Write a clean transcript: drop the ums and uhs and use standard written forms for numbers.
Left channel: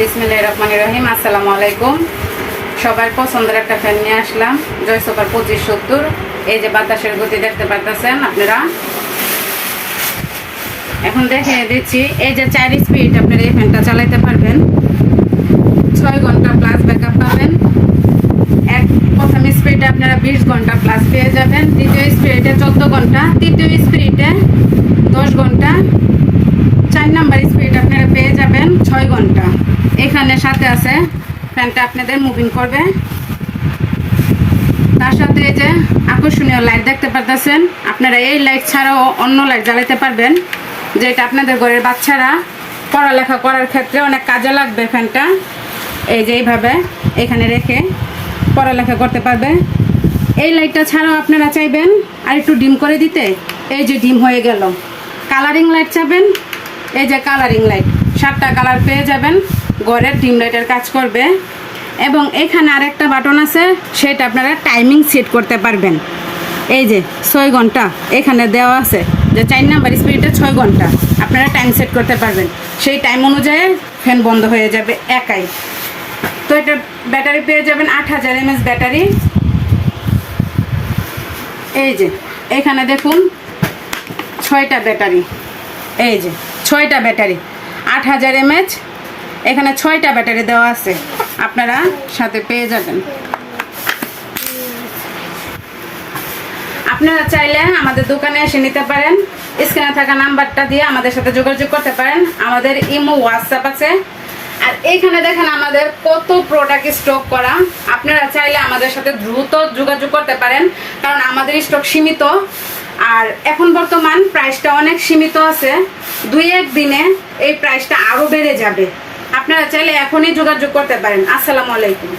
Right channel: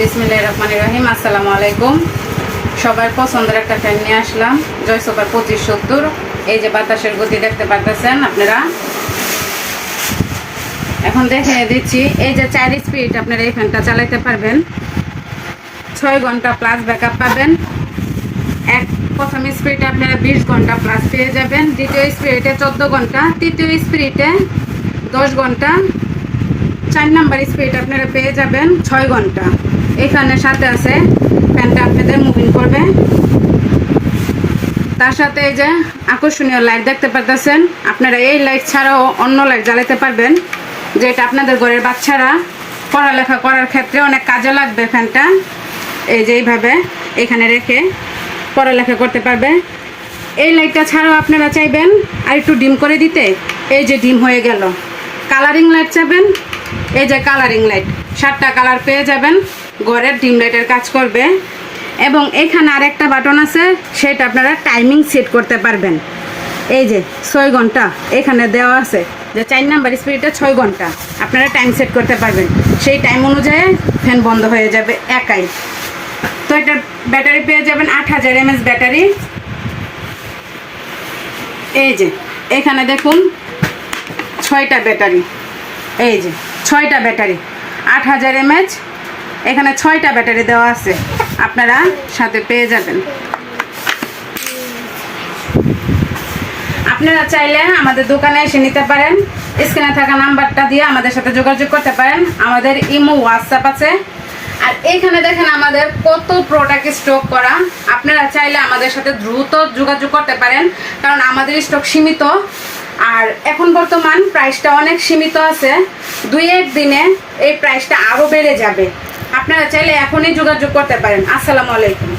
বিসমিল্লাহির রহমানির রহিম। আসসালামু আলাইকুম। সবার পছন্দের একটা ফ্যান নিয়ে আসলাম, জয় সুপার 2570। এই যে বাতাসের গতি দেখতে পাচ্ছেন আপনারা। এখন দেখে দিচ্ছি, এই যে 4 স্পিড আপনারা এই ফ্যানটা চালাতে পারবেন। 6 ঘন্টা প্লাস ব্যাকআপ পাবেন। প্রথম স্পিডে আপনারা 20 ঘন্টা প্লাস পেয়ে যাবেন, দ্বিতীয় স্পিডে 14 ঘন্টা, তৃতীয় স্পিডে 10 ঘন্টা, 4 নাম্বার স্পিড আপনারা পেয়ে যাবেন 6 ঘন্টা। এখানে সাথে আছে ফ্যানটা আপনাদের মুভিং করবে, তার সাথে এই যে আকর্ষণীয় লাইট দেখতে পাচ্ছেন। আপনারা এই লাইট ছাড়াও অন্য লাইট জ্বালাতে পারবেন, যেটা আপনাদের ঘরের বাচ্চারা পড়ালেখা করার ক্ষেত্রে অনেক কাজে লাগবে। ফ্যানটা এই যে এইভাবে এখানে রেখে পড়ালেখা করতে পারবে। এই লাইটটা ছাড়াও আপনারা চাইবেন আর একটু ডিম করে দিতে, এই যে ডিম হয়ে গেল। কালারিং লাইট চাইবেন, এই যে কালারিং লাইট 7টা কালার পেয়ে যাবেন, ঘরের ডিম লাইটের কাজ করবে। এবং এখানে আরেকটা বাটন আছে, সেটা আপনারা টাইমিং সেট করতে পারবেন। এই যে 6 ঘন্টা এখানে দেওয়া আছে, যে 4 নাম্বার স্পিডে 6 ঘন্টা আপনারা টাইম সেট করতে পারবেন। সেই টাইম অনুযায়ী ফ্যান বন্ধ হয়ে যাবে একাই। তো এটা ব্যাটারি পেয়ে যাবেন 8000 mAh ব্যাটারি। এই যে এখানে দেখুন 6টা ব্যাটারি, এই যে 6টা ব্যাটারি 8000 mAh। এখানে 6টা ব্যাটারি দেওয়া আছে, আপনারা সাথে পেয়ে যাবেন। আপনারা চাইলে আমাদের দোকানে এসে নিতে পারেন, স্ক্রিনে থাকা নাম্বারটা দিয়ে আমাদের সাথে যোগাযোগ করতে পারেন। আমাদের ইমো, হোয়াটসঅ্যাপ আছে। আর এইখানে দেখেন আমাদের কত প্রোডাক্ট স্টক করা। আপনারা চাইলে আমাদের সাথে দ্রুত যোগাযোগ করতে পারেন, কারণ আমাদের স্টক সীমিত। আর এখন বর্তমান প্রাইসটা অনেক সীমিত আছে, 2-1 দিনে এই প্রাইসটা আরও বেড়ে যাবে। আপনারা চাইলে এখনই যোগাযোগ করতে পারেন। আসসালামু আলাইকুম।